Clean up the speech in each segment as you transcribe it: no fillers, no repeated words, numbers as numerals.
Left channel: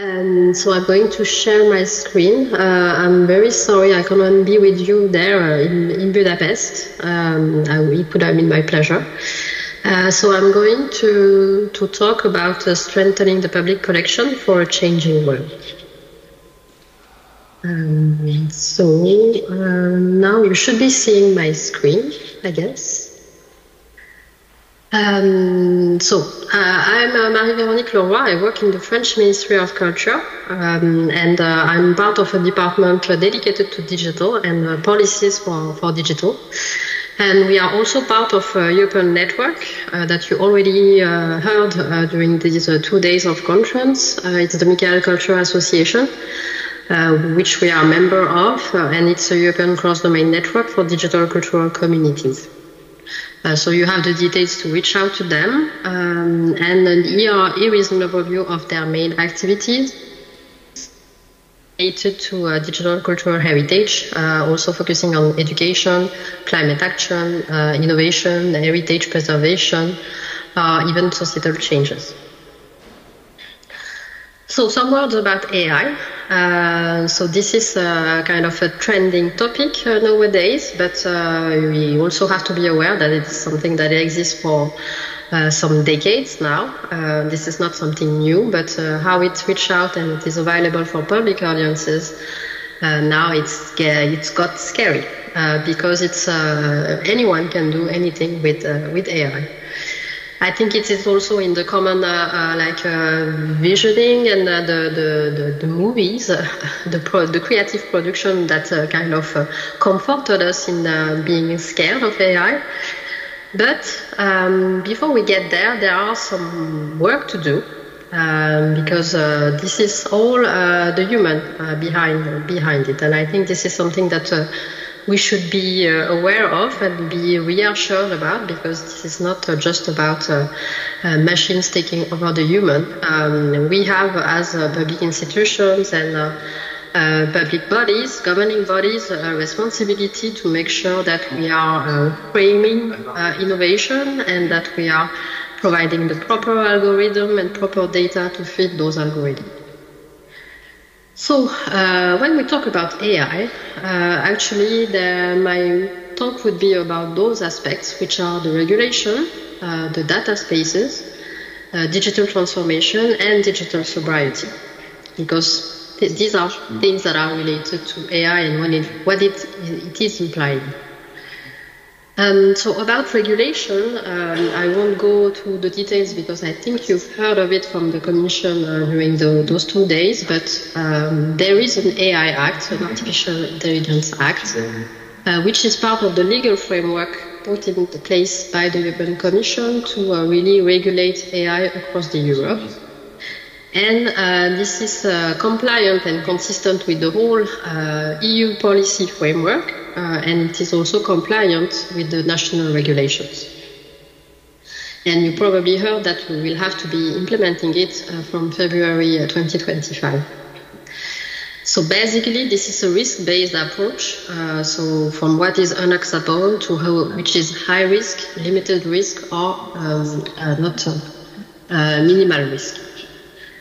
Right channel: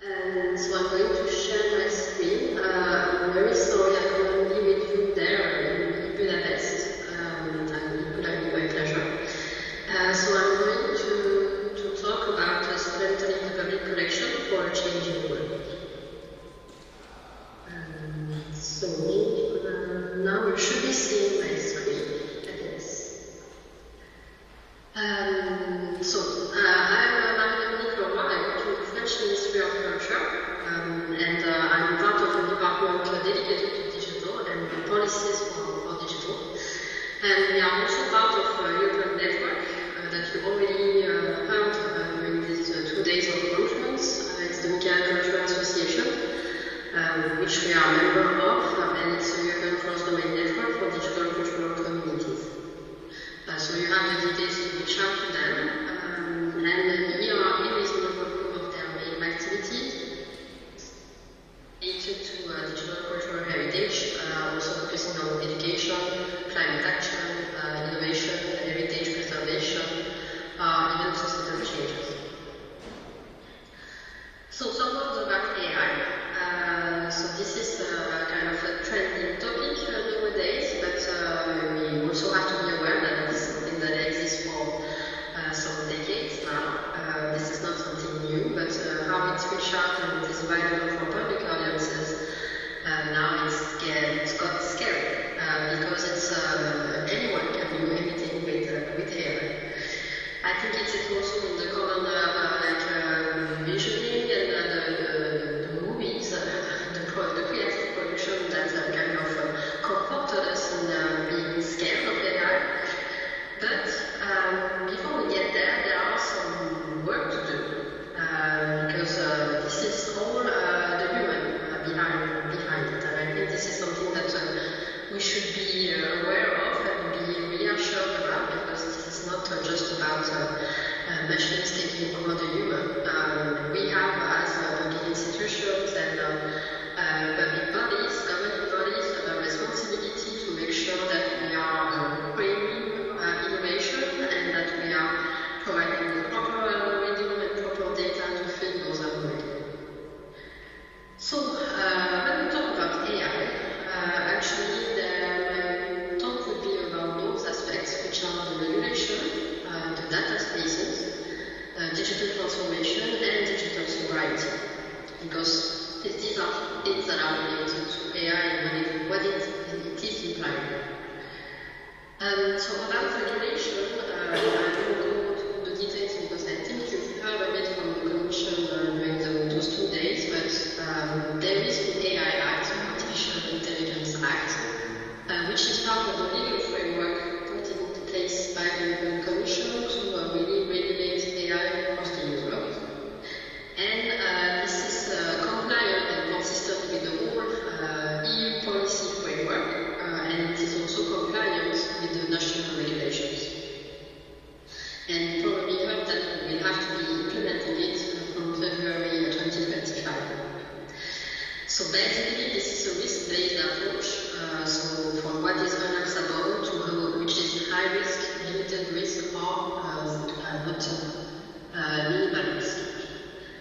So I'm going to share my screen. I'm very sorry I couldn't be with you there in Budapest. It could have been my pleasure. So I'm going to talk about strengthening the public collection for a changing world. Now you should be seeing my screen, I guess. I'm ronique Leroi. I work in the French Ministry of Culture, and I'm part of a department dedicated to digital and policies for digital. And we are also part of a European network that you already heard during these 2 days of conference. It's the Michael Culture Association, which we are a member of, and it's a European cross-domain network for digital cultural communities. So you have the details to reach out to them, and here is an overview of their main activities related to digital cultural heritage, also focusing on education, climate action, innovation, heritage preservation, even societal changes. So some words about AI. So this is kind of a trending topic nowadays, but we also have to be aware that it's something that exists for some decades now. This is not something new, but how it reached out and it is available for public audiences, now it's got scary because it's anyone can do anything with AI. I think it is also in the common visioning and the movies, the creative production that kind of comforted us in being scared of AI. But before we get there, there are some work to do because this is all the human behind it, and I think this is something that we should be aware of and be reassured about, because this is not just about machines taking over the human. We have, as public institutions and public bodies, governing bodies, a responsibility to make sure that we are framing innovation and that we are providing the proper algorithm and proper data to fit those algorithms. So when we talk about AI, actually my talk would be about those aspects, which are the regulation, the data spaces, digital transformation, and digital sobriety, because these are things that are related to AI and what it is implying. So about regulation, I won't go through the details because I think you've heard of it from the Commission during those 2 days, but there is an AI Act, an Artificial Intelligence Act, which is part of the legal framework put into place by the European Commission to really regulate AI across Europe. And this is compliant and consistent with the whole EU policy framework, and it is also compliant with the national regulations. And you probably heard that we will have to be implementing it from February 2025. So basically, this is a risk-based approach, so from what is unacceptable to which is high risk, limited risk, or not minimal risk.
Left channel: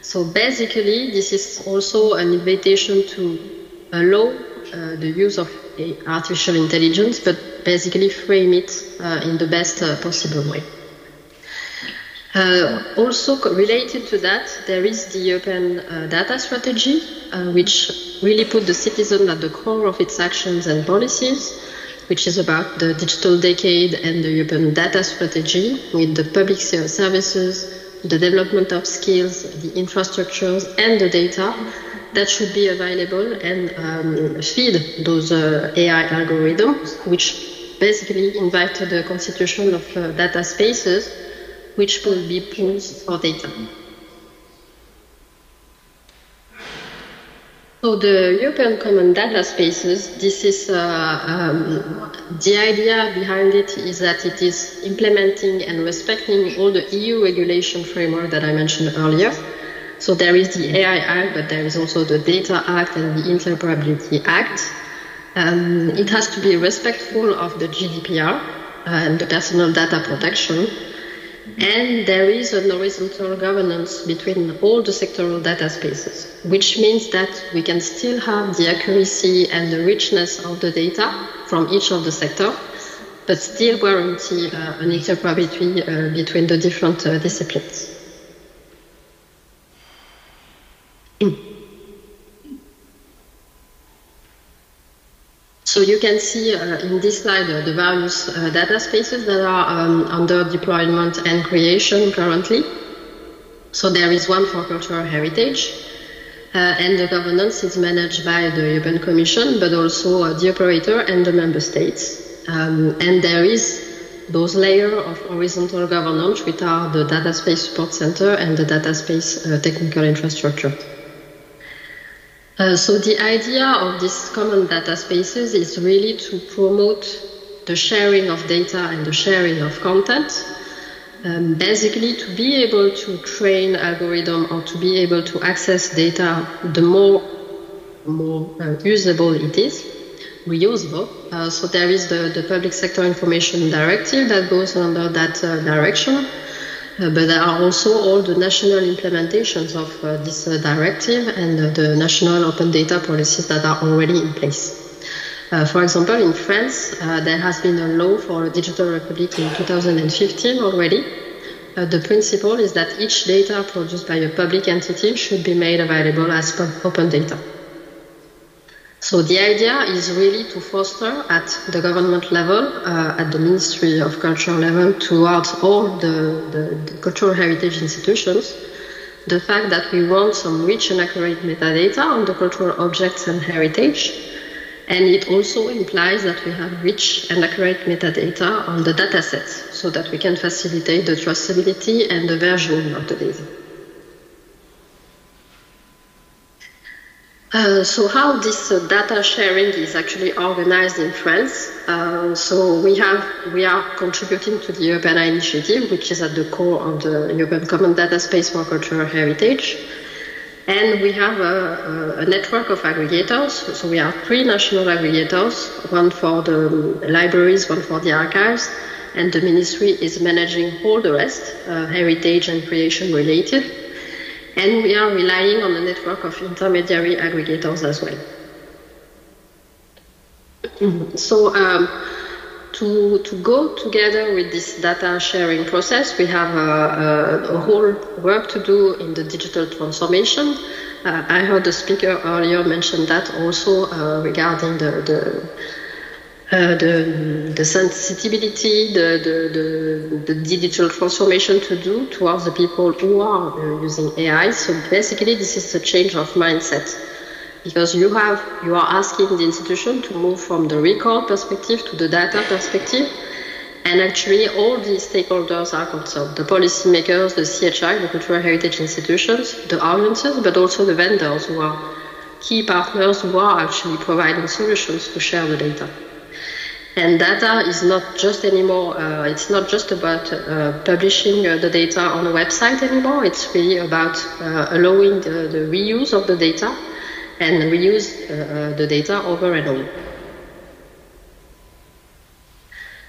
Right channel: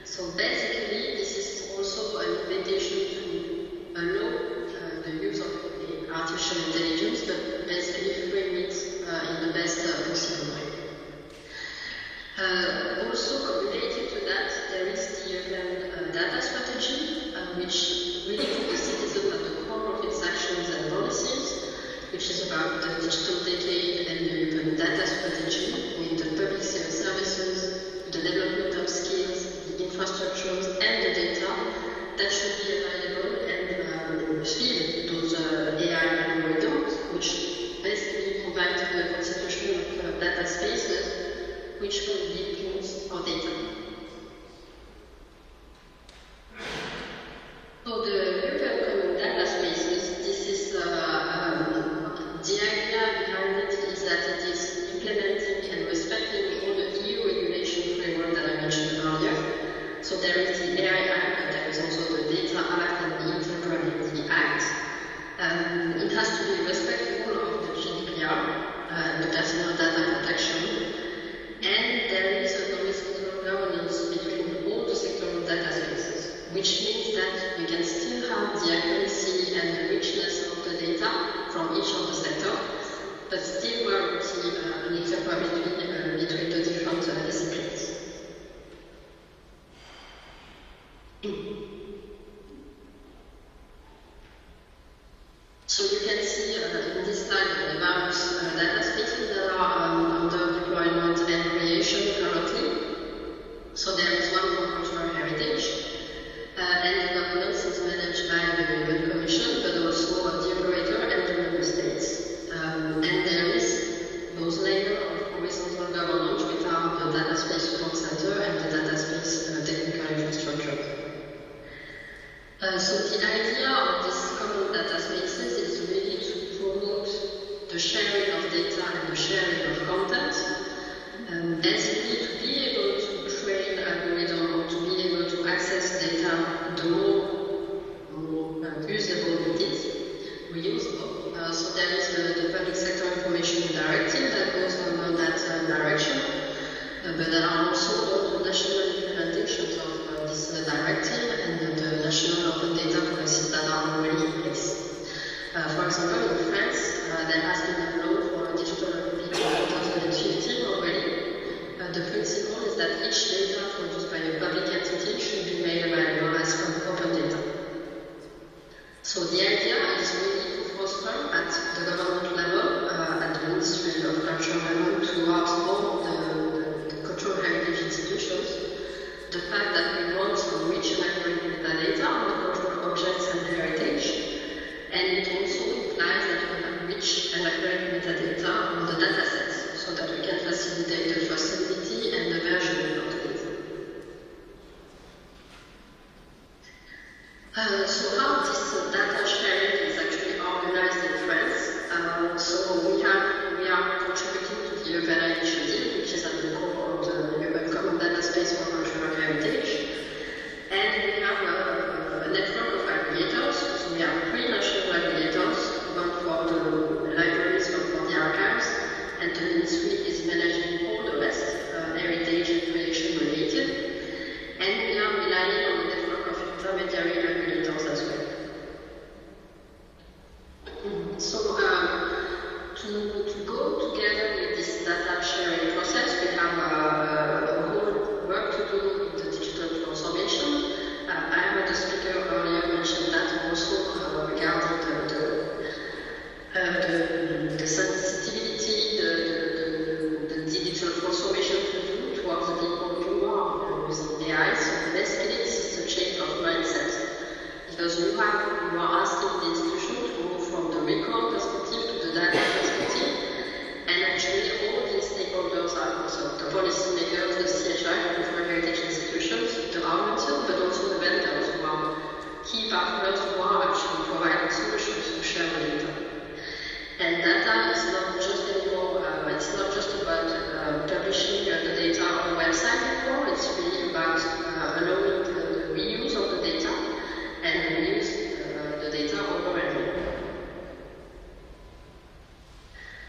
So basically, this is also an invitation to allow the use of artificial intelligence, but basically frame it in the best possible way. Also related to that, there is the European data strategy, which really put the citizen at the core of its actions and policies, which is about the digital decade and the European data strategy with the public services, the development of skills, the infrastructures, and the data that should be available and feed those AI algorithms, which basically invite the constitution of data spaces, which will be pools for data. So the European Common Data Spaces, this is the idea behind it is that it is implementing and respecting all the EU regulation framework that I mentioned earlier. So there is the AI Act, but there is also the Data Act and the Interoperability Act. It has to be respectful of the GDPR and the personal data protection. And there is an horizontal governance between all the sectoral data spaces, which means that we can still have the accuracy and the richness of the data from each of the sectors, but still guarantee an interoperability between the different disciplines. So you can see in this slide the various data spaces that are under deployment and creation currently. So there is one for cultural heritage, and the governance is managed by the European Commission, but also the operator and the member states. And there is those layers of horizontal governance, which are the Data Space Support Center and the Data Space Technical Infrastructure. So the idea of these common data spaces is really to promote the sharing of data and the sharing of content, basically to be able to train algorithm or to be able to access data, the more usable it is, reusable. So there is the Public Sector Information Directive that goes under that direction. But there are also all the national implementations of this directive and the national open data policies that are already in place. For example, in France, there has been a law for a digital republic in 2015 already. The principle is that each data produced by a public entity should be made available as open data. So the idea is really to foster at the government level, at the Ministry of Culture level, towards all the cultural heritage institutions, the fact that we want some rich and accurate metadata on the cultural objects and heritage, and it also implies that we have rich and accurate metadata on the data sets, so that we can facilitate the traceability and the versioning of the data. So how this data sharing is actually organized in France. So we are contributing to the European initiative, which is at the core of the European Common Data Space for Cultural Heritage. And we have a network of aggregators. So we have 3 national aggregators, one for the libraries, one for the archives, and the ministry is managing all the rest, heritage and creation related. And we are relying on a network of intermediary aggregators as well. So to go together with this data sharing process, we have a whole work to do in the digital transformation. I heard the speaker earlier mention that also regarding the sensitivity, the digital transformation to do towards the people who are using AI. So basically this is a change of mindset, because you are asking the institution to move from the record perspective to the data perspective, and actually all the stakeholders are concerned, the policymakers, the CHI, the cultural heritage institutions, the audiences, but also the vendors who are key partners who are actually providing solutions to share the data. And data is not just anymore, it's not just about publishing the data on a website anymore, it's really about allowing the reuse of the data and reuse the data over and over.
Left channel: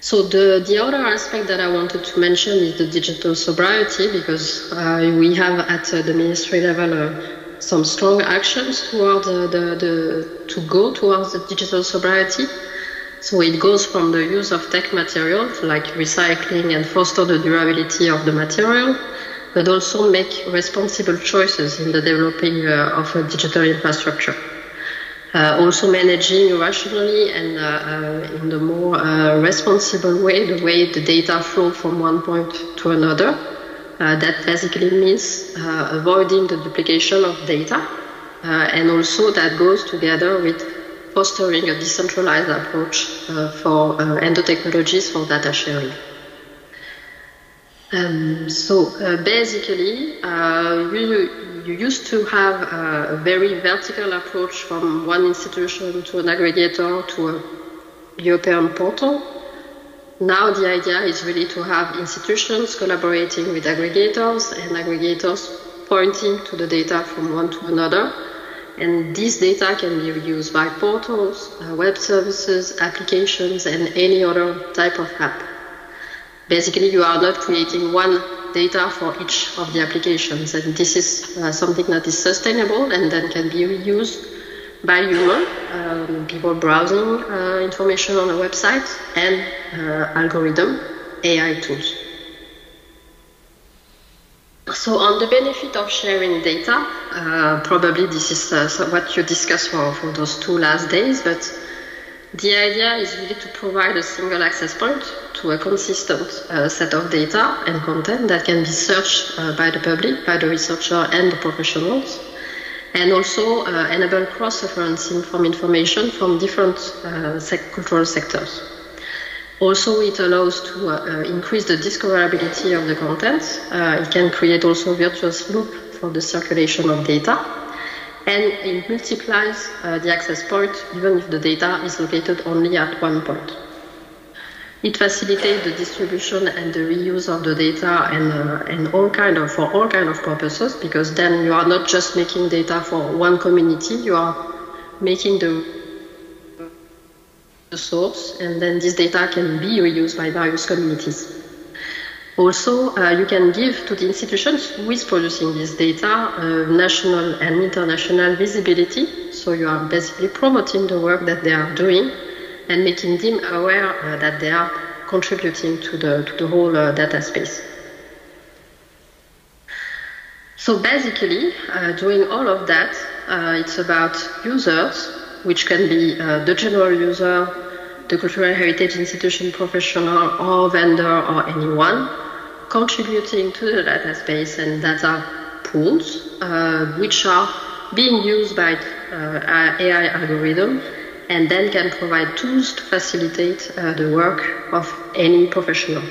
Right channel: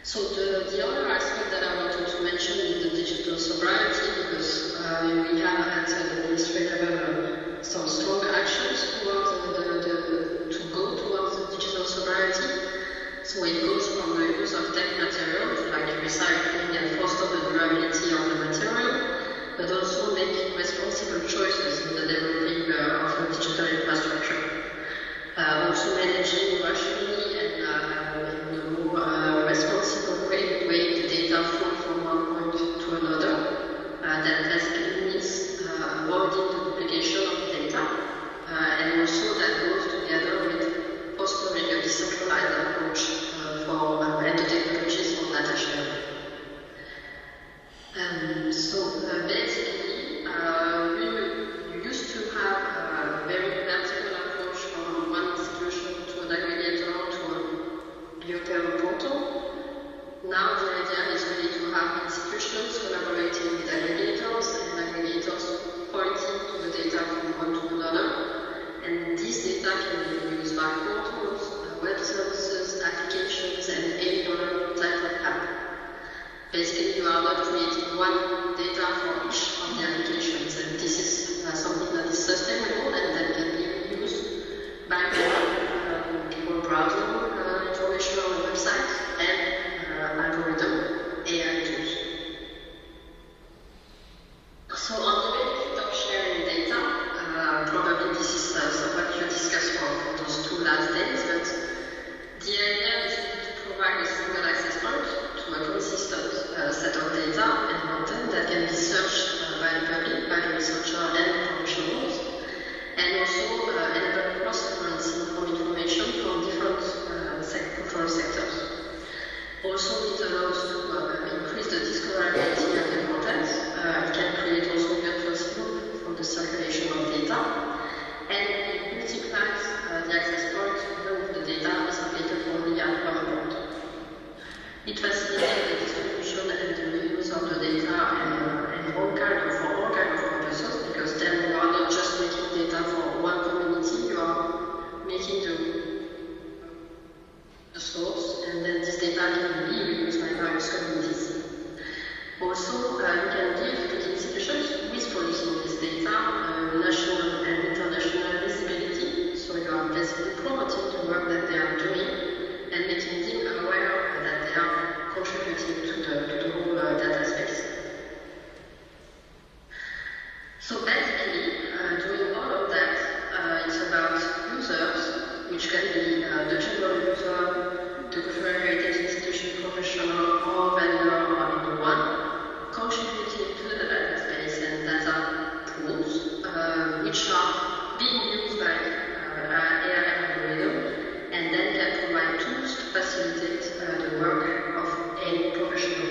So the other aspect that I wanted to mention is the digital sobriety, because we have at the ministry level some strong actions towards to go towards the digital sobriety. So it goes from the use of tech materials like recycling and foster the durability of the material, but also make responsible choices in the developing of a digital infrastructure. Also managing rationally and in the more responsible way, the way the data flow from one point to another. That basically means avoiding the duplication of data, and also that goes together with fostering a decentralized approach and the technologies for data sharing. Basically, you used to have a very vertical approach from one institution to an aggregator to a European portal. Now the idea is really to have institutions collaborating with aggregators and aggregators pointing to the data from one to another. And this data can be used by portals, web services, applications, and any other type of app. basically you are not creating one data for each of the applications, and this is something that is sustainable and that can be reused by people browsing information on a website, and algorithm AI tools. So on the benefit of sharing data, probably this is what you discussed for those 2 last days, but the idea is really to provide a single access point to a consistent set of data and content that can be searched by the public, by the researcher and the professionals, and also enable cross-referencing from information from different cultural sectors. Also, it allows to increase the discoverability of the content. It can create also a virtuous loop for the circulation of data, and it multiplies the access point even if the data is located only at one point. It facilitates the distribution and the reuse of the data and for all kind of purposes, because then you are not just making data for one community, you are making the source, and then this data can be reused by various communities. Also, you can give to the institutions who is producing this data national and international visibility, so you are basically promoting the work that they are doing and making them aware that they are contributing to the whole data space. So basically, doing all of that, it's about users, which can be the general user, the cultural heritage institution professional or vendor or anyone, contributing to the data space and data pools, which are being used by AI algorithm, and then can provide tools to facilitate the work of any professional.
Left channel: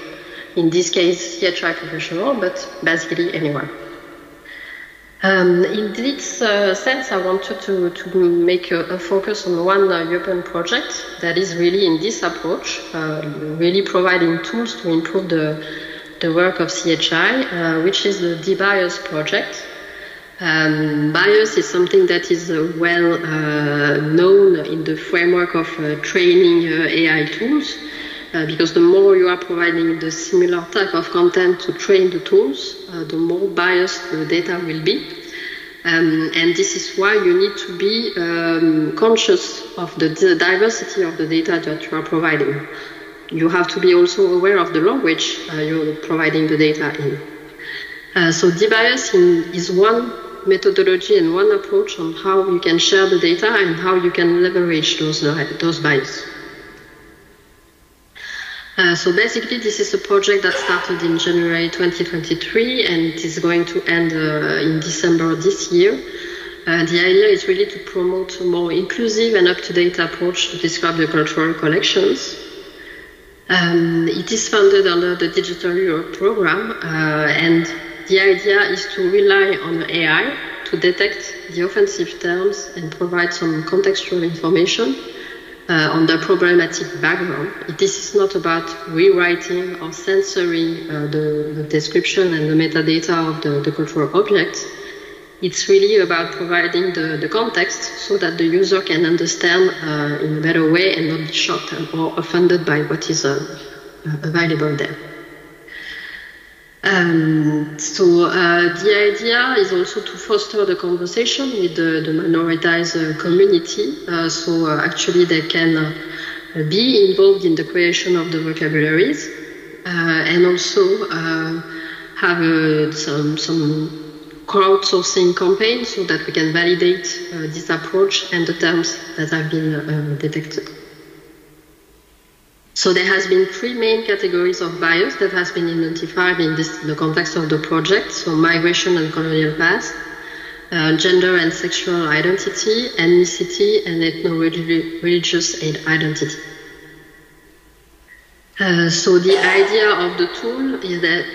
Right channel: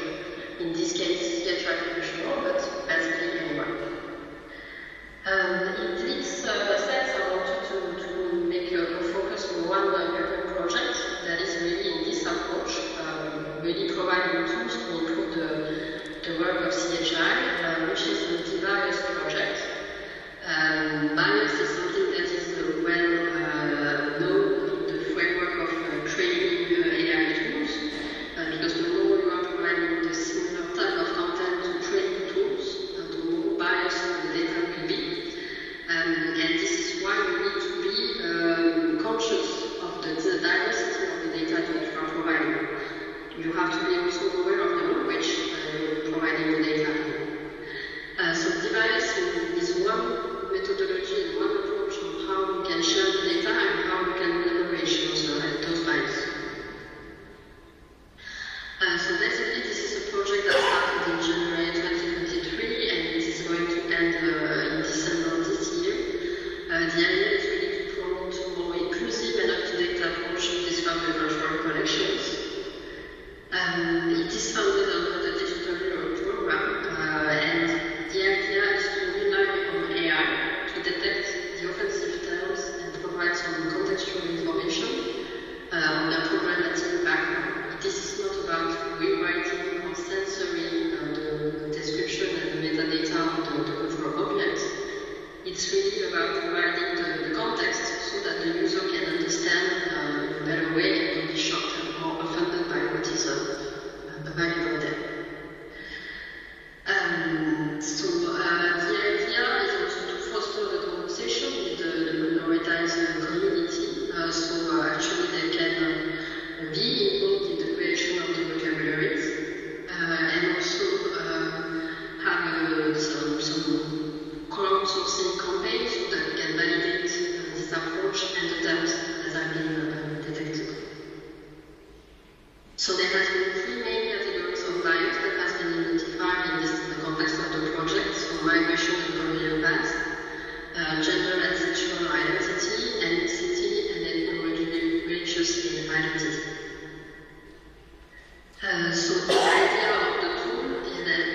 In this case, CHI professional, but basically anyone. In this sense, I wanted to make a focus on one European project that is really in this approach, really providing tools to improve the work of CHI, which is the DBIOS project. BIOS is something that is well known in the framework of training AI tools, because the more you are providing the similar type of content to train the tools, the more biased the data will be. And this is why you need to be conscious of the diversity of the data that you are providing. You have to be also aware of the language you're providing the data in. So DBIOS is one methodology and one approach on how you can share the data and how you can leverage those bias. So basically, this is a project that started in January 2023 and it is going to end in December this year. The idea is really to promote a more inclusive and up-to-date approach to describe the cultural collections. It is funded under the Digital Europe program, and the idea is to rely on AI to detect the offensive terms and provide some contextual information on the problematic background. This is not about rewriting or censoring the description and the metadata of the cultural objects. It's really about providing the context so that the user can understand in a better way and not be shocked or offended by what is available there. The idea is also to foster the conversation with the minoritized community, so actually they can be involved in the creation of the vocabularies and also have some crowdsourcing campaigns so that we can validate this approach and the terms that have been detected. So there has been 3 main categories of bias that has been identified in the context of the project. So migration and colonial past, gender and sexual identity, ethnicity, and ethno-religious identity. So the idea of the tool is that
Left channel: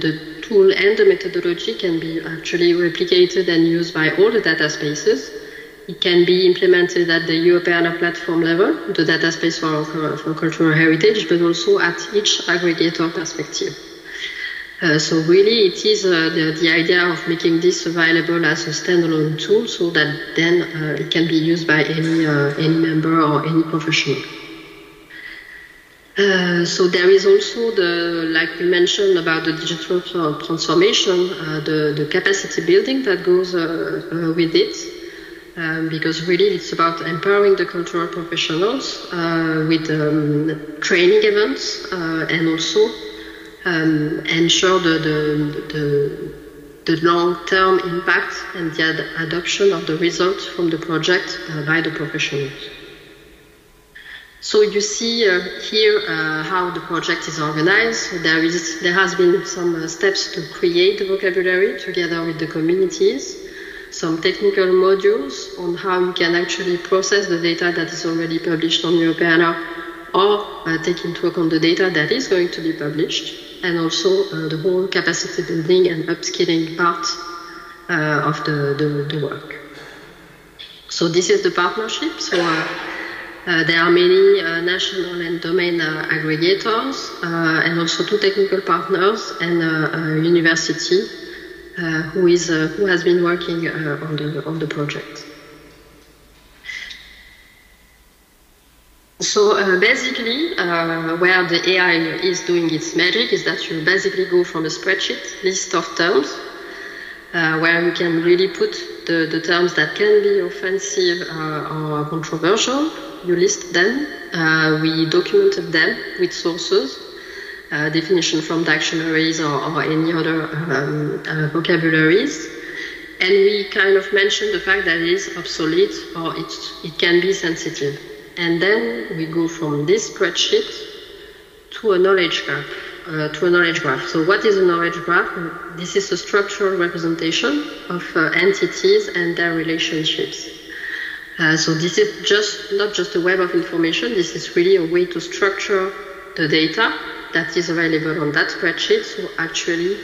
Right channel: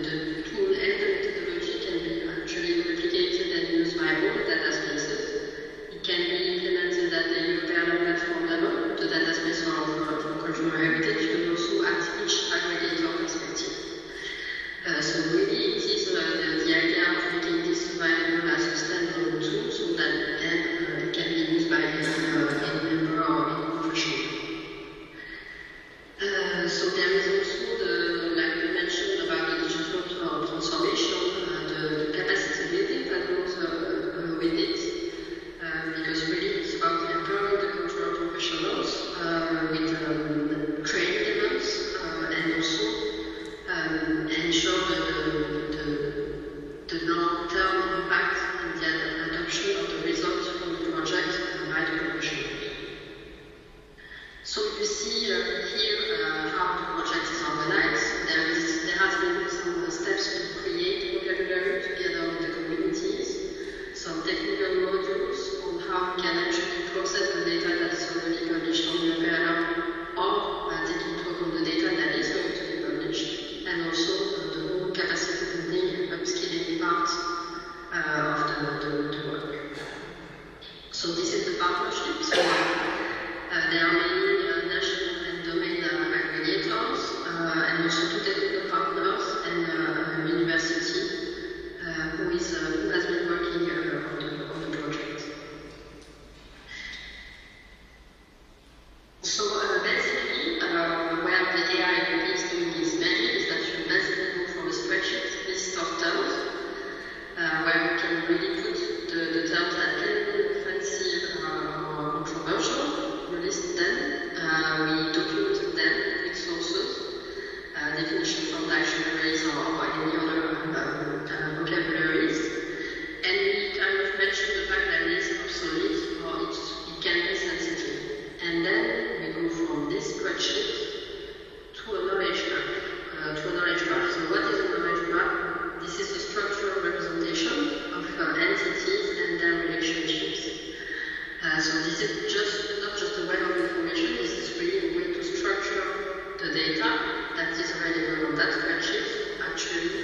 the tool and the methodology can be actually replicated and used by all the data spaces. It can be implemented at the European platform level, the data space for cultural heritage, but also at each aggregator perspective. So really it is the idea of making this available as a standalone tool so that then it can be used by any member or any professional. So there is also like we mentioned about the digital transformation, the capacity building that goes with it, because really it's about empowering the cultural professionals with training events and also ensure the long-term impact and the adoption of the results from the project by the professionals. So you see here how the project is organized. There has been some steps to create the vocabulary together with the communities, some technical modules on how we can actually process the data that is already published on Europeana or take into account the data that is going to be published, and also the whole capacity building and upskilling part of the work. So this is the partnership. So there are many national and domain aggregators and also 2 technical partners and a university who has been working on the project. So basically, where the AI is doing its magic is that you basically go from a spreadsheet list of terms, where you can really put the terms that can be offensive or controversial. You list them, we documented them with sources, definition from dictionaries or any other vocabularies, and we kind of mentioned the fact that it is obsolete or it can be sensitive. And then we go from this spreadsheet to a knowledge graph. So what is a knowledge graph? This is a structural representation of entities and their relationships. So this is not just a web of information, this is really a way to structure the data that is available on that spreadsheet. So actually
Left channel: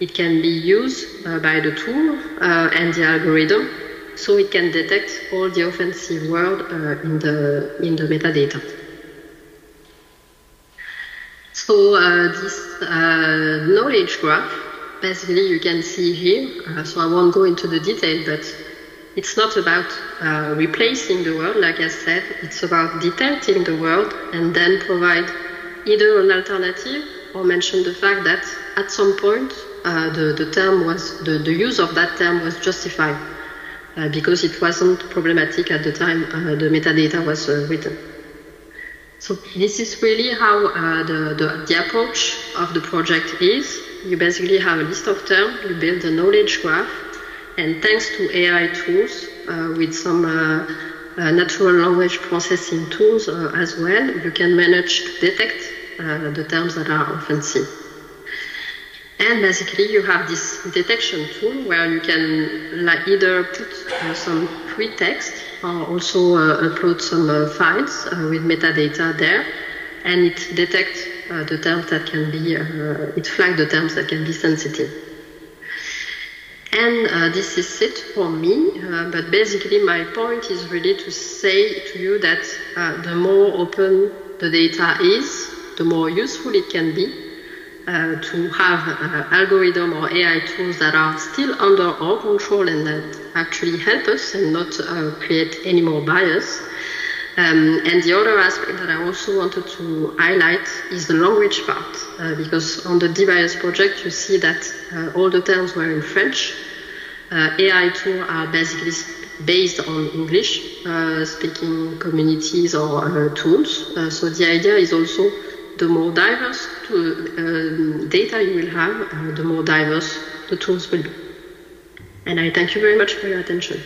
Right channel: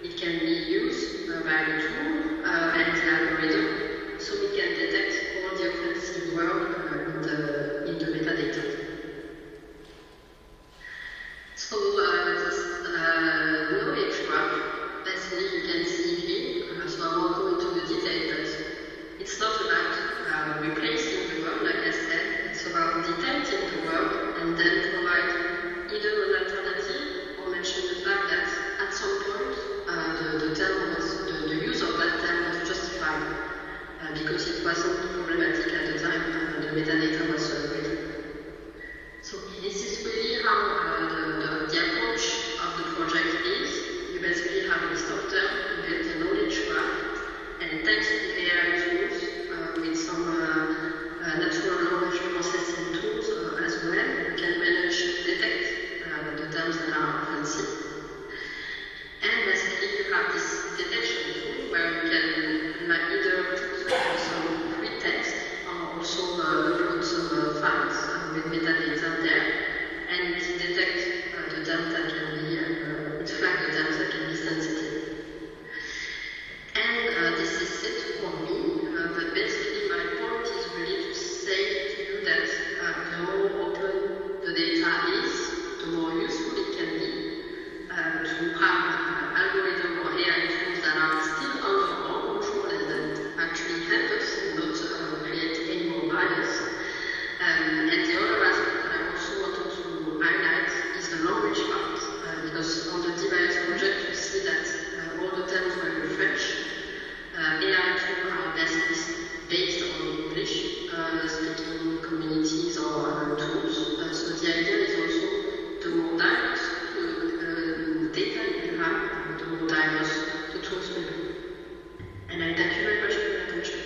it can be used by the tool and the algorithm, so it can detect all the offensive words in the metadata. So this knowledge graph, basically you can see here, so I won't go into the detail, but it's not about replacing the word, like I said, it's about detecting the word and then provide either an alternative or mention the fact that at some point the use of that term was justified because it wasn't problematic at the time the metadata was written. So this is really how the approach of the project is. You basically have a list of terms, you build a knowledge graph, and thanks to AI tools with some natural language processing tools as well, you can manage to detect the terms that are offensive. And basically you have this detection tool where you can either put some free text or also upload some files with metadata there, and it detects the terms that can be, it flags the terms that can be sensitive. And this is it for me, but basically my point is really to say to you that the more open the data is, the more useful it can be to have algorithm or AI tools that are still under our control and that actually help us and not create any more bias. And the other aspect that I also wanted to highlight is the language part, because on the DBIAS project you see that all the terms were in French. AI tools are basically based on English speaking communities or tools. So the idea is also the more diverse data you will have, the more diverse the tools will be. And I thank you very much for your attention.